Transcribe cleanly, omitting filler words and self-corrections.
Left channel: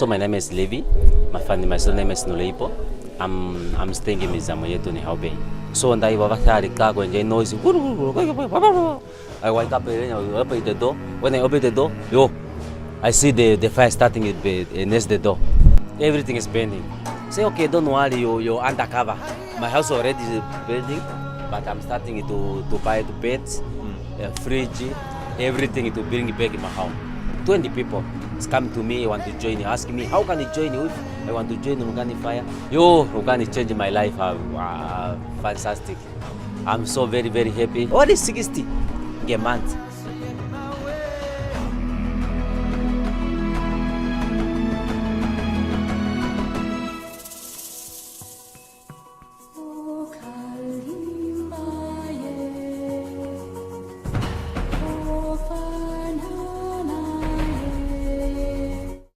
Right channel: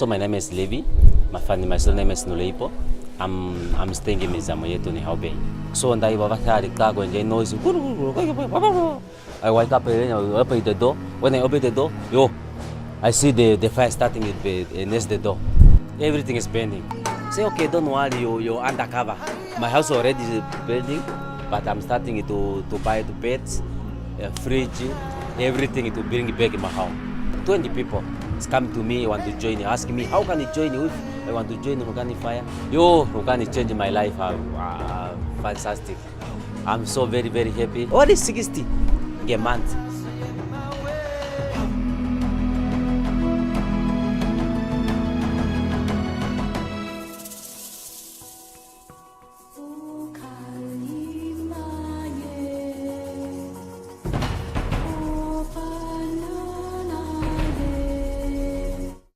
So my name is Levi. My surname is Nuleipo. I'm staying in Imizamo Yethu in Hout Bay. So when I noise, I wake up and I open the door. When I open the door, I see the fire starting next the door. Everything is burning. Say, okay, don't worry, you're undercover. My house already is building, but I'm starting to buy the beds, fridge, everything to bring back in my house. 20 people come to me, want to join, asking me, how can I join you? I want to join the Lumkani fire. Lumkani changed my life. Fantastic. I'm so very, very happy. Only 60 a month.